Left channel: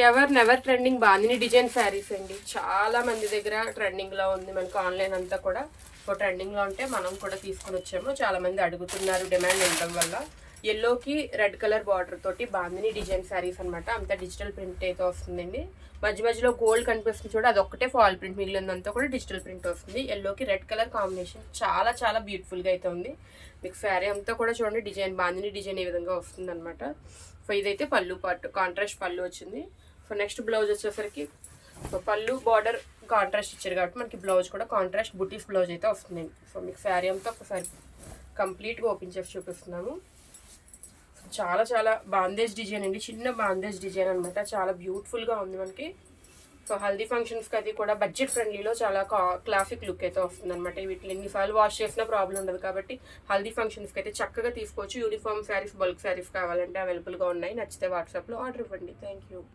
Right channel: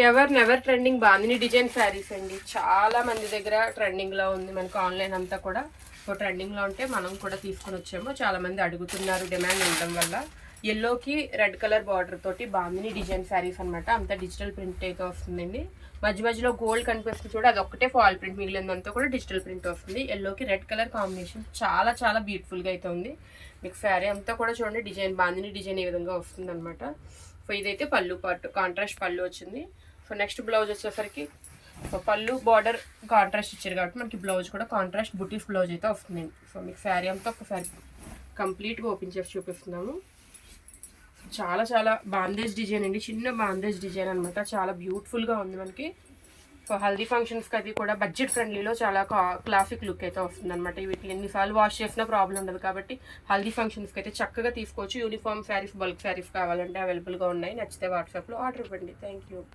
Ever never trending bandhani design saris అండి. చాలా మంది దగ్గర ట్రెండింగ్లో ఉంది. మనకు ఆన్లైన్ అంతా కూడా ట్రెండింగ్లో ఉంటే మనం కూడా తీసుకుని వచ్చాము. చాలా మంది అడుగుతున్నారు డిమాండ్ ఉండడం వల్ల. ఎల్లోకి రెడ్ కలర్ బార్డర్ తోటి బాందిని డిజైన్ శారీస్ అనమాట. అంతా డిజిటల్ ప్రింట్ అయితే వస్తుందండి. మధ్య మధ్యలో గోల్డ్ కనిపిస్తుంది చూడ, అదొక్కటే ఫాల్ ప్రింట్, మిగిలినంతా కూడా డిజిటల్ ప్రింట్ వస్తుంది. ఎల్లోకి రెడ్ కలర్ కాంబినేషన్ చాలా చాలా బ్యూటిఫుల్గా అయితే ఉంది. మీకు శారీ అంతా కూడా చూడండి డిజైన్ బాందిని డిజైన్ ఏ విధంగా వస్తుంది అనమాట. సో ఇదైతే పళ్ళు పార్ట్, కాంట్రాస్ట్ పళ్ళు వచ్చింది. సో నెక్స్ట్ బ్లౌజ్ వచ్చేసరికి పళ్ళు బార్డర్ కాంట్రాస్ట్ ఇచ్చారు కాబట్టి మనకి బ్లౌజ్ కూడా కాంట్రాస్ట్ బుటీస్ బ్లౌజ్ అయితే వస్తుందండి. సో మీకు శారీ అంతా ఒకసారి కంప్లీట్గా ఓపెన్ చేసి చూపిస్తున్నాము. చాలా చాలా బాందేజ్ డిజైన్ అండి, చిన్న బాందేజ్ డిజైన్ అనమాట. చాలా బ్యూటిఫుల్గా ఉంది మనకి. సో హల్దీ ఫంక్షన్స్కి అది కూడా బడ్జెట్ ఫ్రెండ్లీలో చాలా క్లాసిక్ లుక్ అయితే వస్తుంది అనమాట. వీటిని ఎన్నిసార్లు వాష్ చేసినా ప్రాబ్లం ఉండదు కాబట్టి హల్దీ ఫంక్షన్స్కి అయితే చక్కగా తీసుకోవచ్చు. యూనిఫామ్ శారీస్, బల్క్ శారీస్ కావాలంటే అవైలబుల్గా ఉన్నాయి. నచ్చితే వాట్సాప్లో ఆర్డర్ ఇవ్వండి. Thank you.